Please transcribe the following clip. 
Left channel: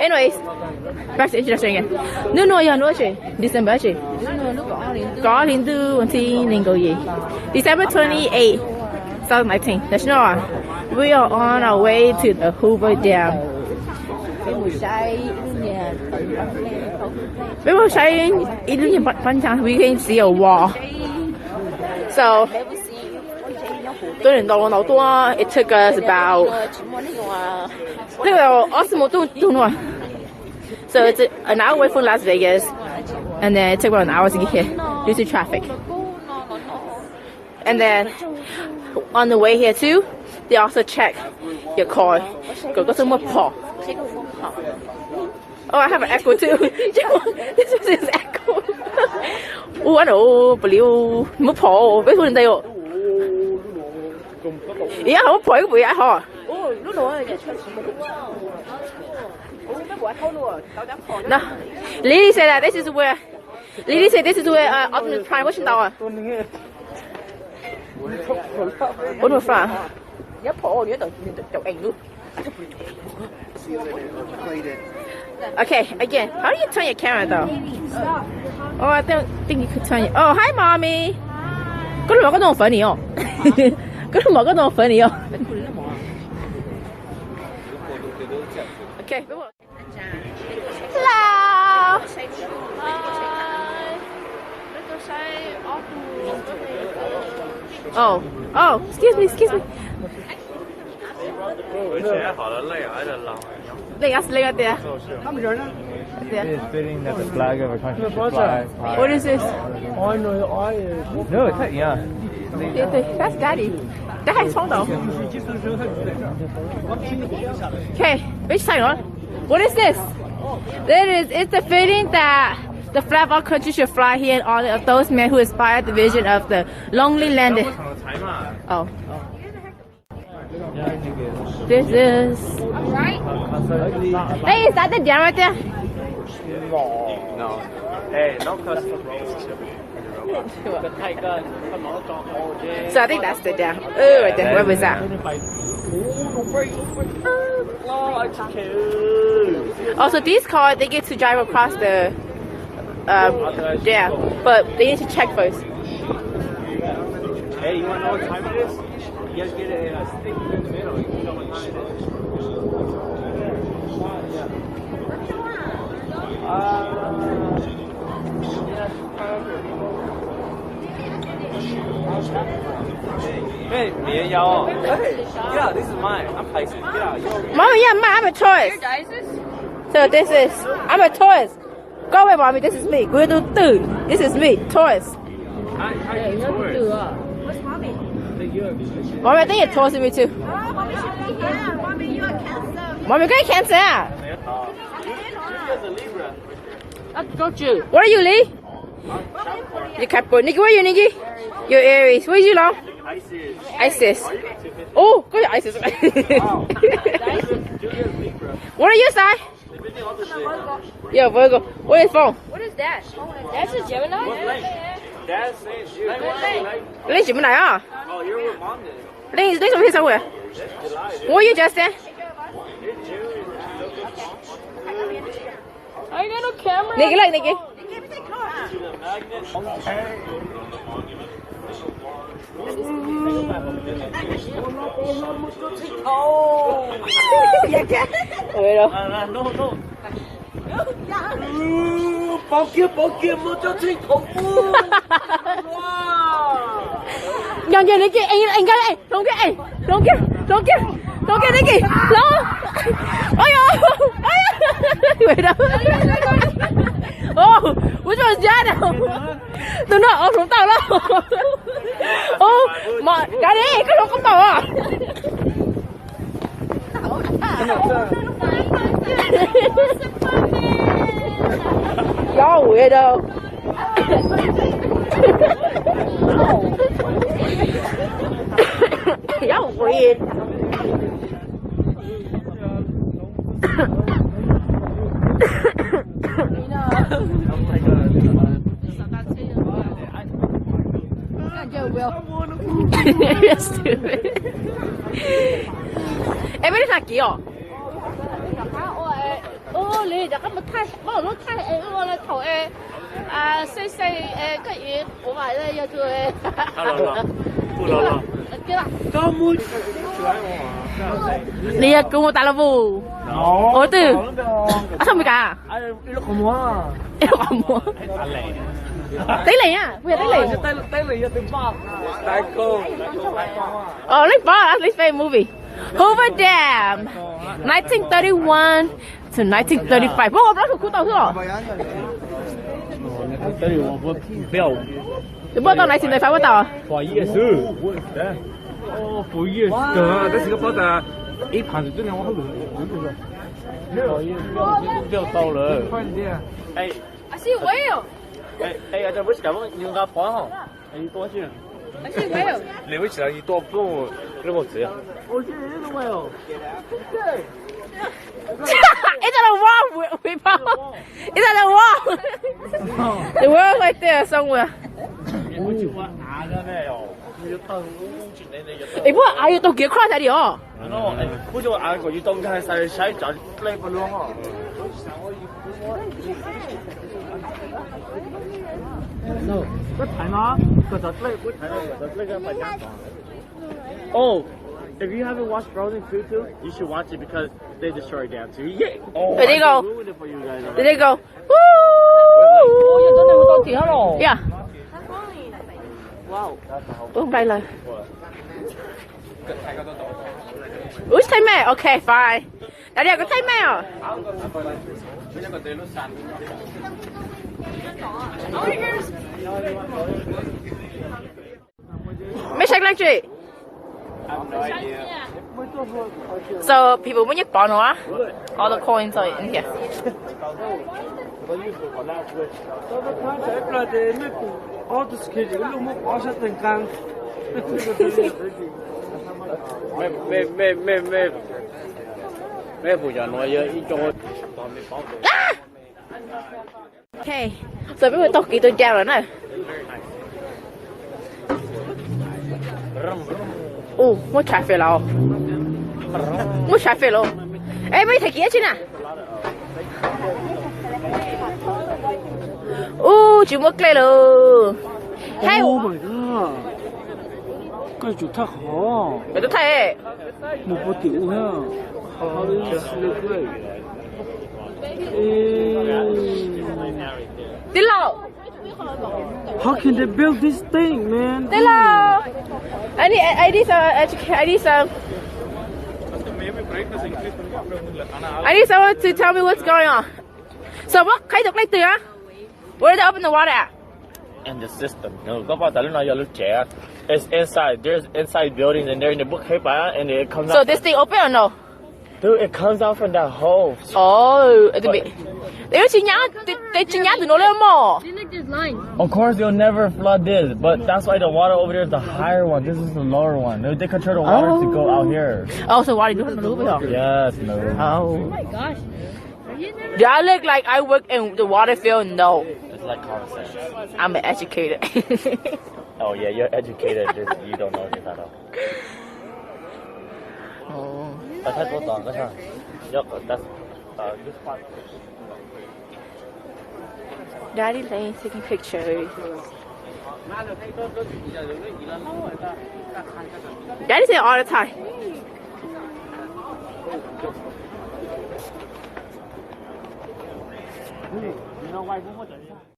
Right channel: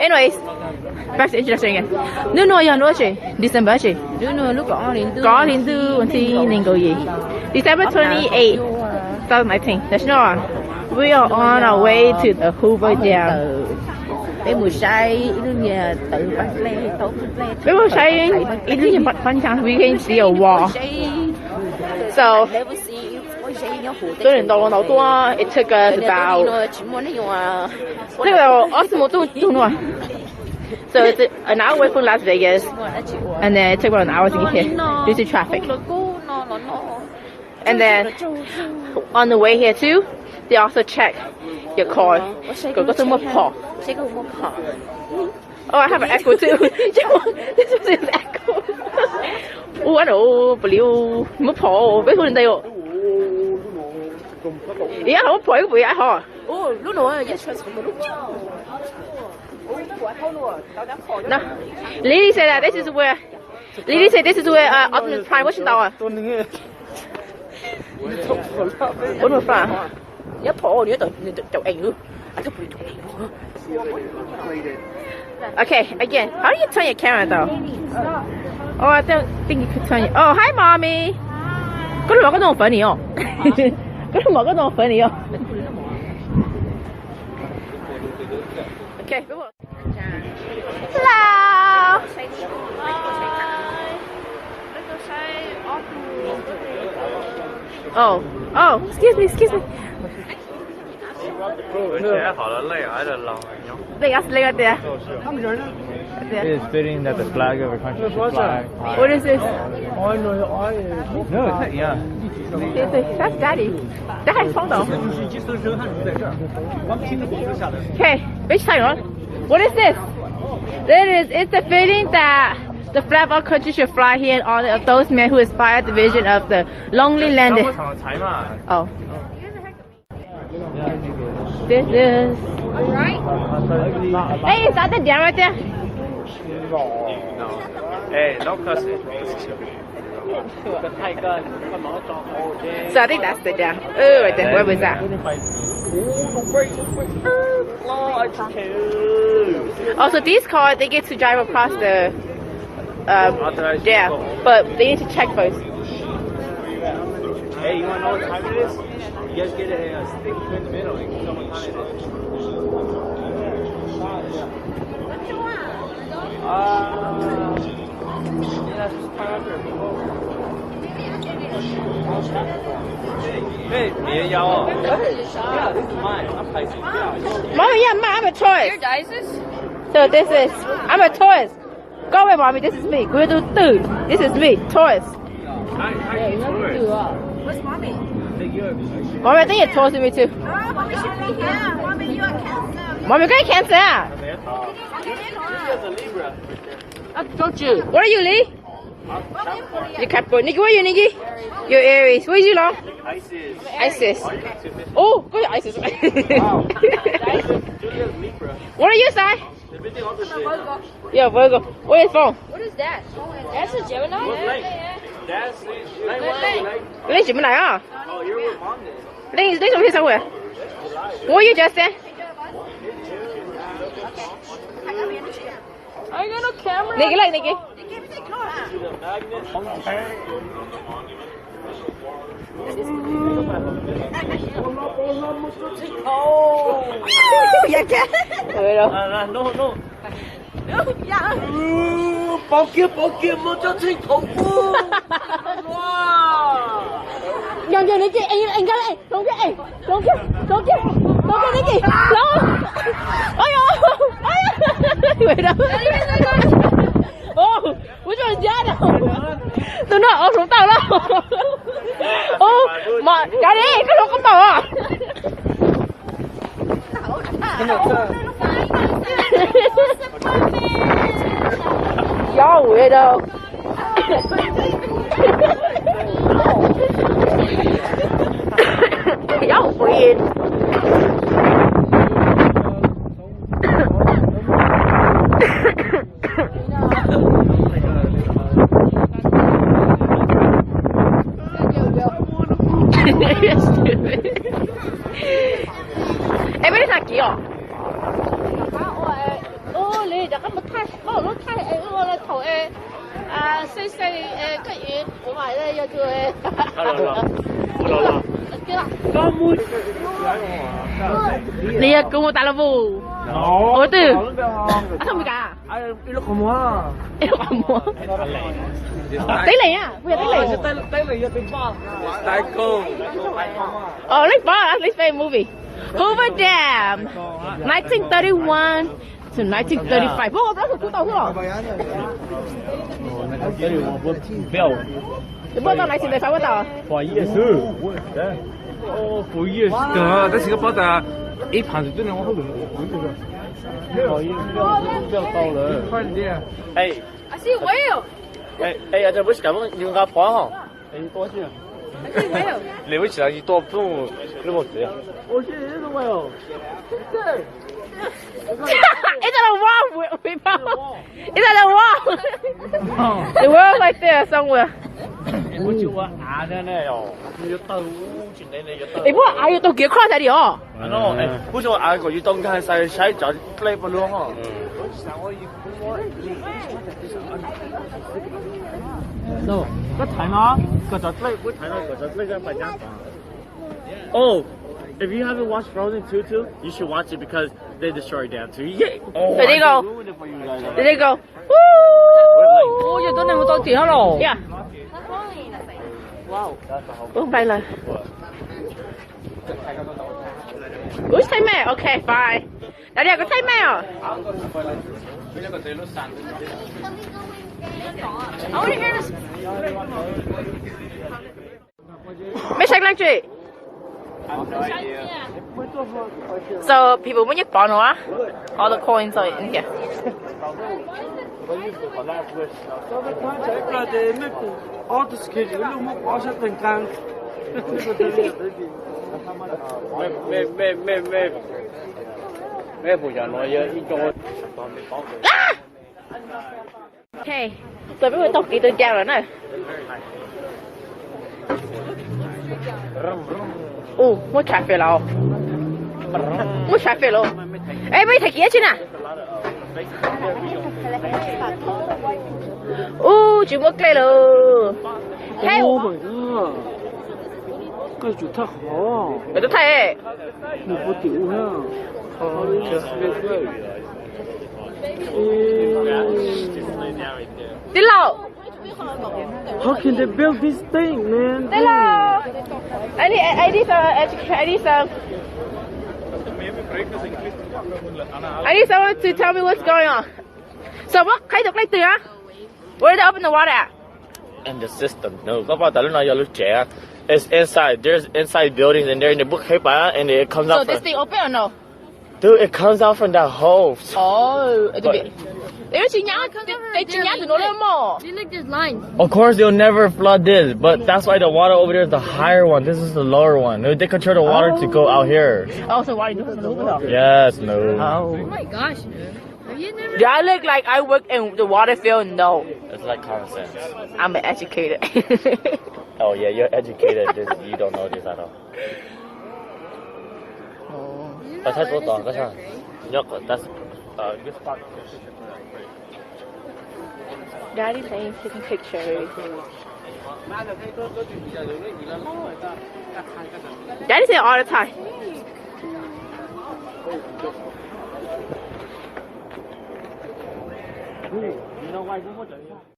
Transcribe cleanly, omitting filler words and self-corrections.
Anyways, back to introduction again. No, yeah, no, December, có đến từ thì nên go gì. December 28, 2019. Let's know. We are on our way to the Hoover Dam. Với một say we can see a wall. So, it took us about so it's an hour away from Las Vegas, and then it took about an hour to get here due to traffic. And then on the way here too, they also check your car. Go some more paw. Oh, I have an echo too. This is his echo. Oh, I know, blue. Mất paw. Với phương đây rồi. Yeah, không paw cái gì hả? No, Lily said that this is where. Lily said this is where Optimus Prime was tower. What was that? Okay, again, how do you turn your camera though? Oh, I don't think you could turn it. Oh, hi, mommy. Cái lúc mà có đồ phở nỉ không? Cái lúc mà có đồ phở nỉ không? Okay, hello. Oh, excuse me. Leg there. It's fitting that the flag of our country. What is this? No, yeah. That's Daddy. That is photo. Okay, which side on? What is this? It's the fitting that the flag of our country should fly here in honor of those men who inspired the vision of the lonely land. Oh. This is. Hey, is that the dam right there? Hey, no cussing. So I think that's the dam. Oh, right there. Where was that? Also, these cars, they get to drive across the dam, but they need to check first. Hey, you want to know what time it is? You guys get a steak with middle. Mommy, yeah, I'm a tourist. So this is, I'm a tourist. Go away, mommy, this is me. We'll do food. This is me, tourist. What's mommy? Mommy, I think you're toasting me too. Mommy, can I cancel out? I told you. What are you, Lee? You're Capricorn. Nikki, what are you, Nikki? You're Aries. What is you, Long? Isis. Oh, go to Isis. What are you, Si? I'm a Virgo. Yeah, Virgo. What is phone? What is that? That's a Gemini? Linh chỉ bên này à? Linh over here somewhere. Where are you, Justin? I got no camera. Nikki, like Nikki. Dạ kìa. No. Bao kia một cho thích khủng bố. Nhận gì Nikki, anh cái này, don't get Nikki. No. Ôi Wait up. Oh, which one's that? Tôi nói ở xuống tàu đâu. Oh, mà cái đi, cái lỗ con tàu à? Y'all weirdo. Y'all weird. Em biết thật kìa. 咁咪睇，可能都睇誒嗰個圖細嘅嘢，我買咧有佢。你ya como tak lebu. Oh tu. Asal mi ka? Nó còn mua. Ilo kamu. Tới liền à? Bây giờ tới liền. Tới liền cho tiền bao. Tại cô. Oh, let's buy. Let's play a movie. Hoover Dam, 1931 to 1935. Bố đó thuộc tàu chưa? Cái bố tàu này xin này phải bố tàu. 不意思。哦，不意思。这是个包的，一盘子就两万块。不好意思，不要到了。快点。哎。I see whale. 哎，这不是咱们牛蛙盘哈？哎，多少钱？ I see whale. 没有钱，你多不用这么子。我去，这个没有。对。 It's on a wall, we found. It's on a wall. The wall right there somewhere. 我就我拿的那哟，你到去那个就到。哎，我还有都几块在里哦。喏，哎，我就按个一动态晒脚来不了哦。喏，我睇啦，個就嚟，我睇啦，個就嚟嘅大家。Oh, if you haven't watched Frozen 2 too, you should watch it because they destroyed that too. Yeah. Oh, There they go. ruined it for you guys. There they go. Woo! 我要等你們到點咯。 Yeah. Wow. Oh, bye rồi. Ui, thấy mẹ. Okay, fine. Ở đây có thấy mẹ à? Mấy sách lăng chị? So people when you born all the coins are in here. Okay, so bây giờ tóc kỳ tôi treo rồi nè. Mua cà phê rồi. Mua cà phê rồi. Ê, mấy thầy kia chứ nè. Chỉ mua cây rồi. Hay. cái chủ thật khó. Để tôi thấy. Một bộ tiểu ha. Chưa. Tí lầu. How can they build this thing, man? Tí lầu. I need someone to tell me what's going on. So what kind of like there? Where did they open the water at? In the system. No, go about that. You look Jack. It's inside. There's inside buildings and they're in the book paper and it comes out. So this thing open or no? Dude, it comes out from that hole. Oh, it's a bit. They chỉ nhá từ nó lên mò. See, look, there's lines. Of course, they'll never flood this, but that's why the water over there is the higher one. This is the lower one. They control the water to go out here. Oh, so why do you do it? Yes, no. Oh. Oh my gosh. You never. Do I look like I work in the water field? No. It's like common sense. I'm an educator. Oh yeah, you're educated. You don't know this at all. Oh. That's how it's done. That's how. Yep, that's this part. Daddy's taking pictures. Daddy say all the time. You know why?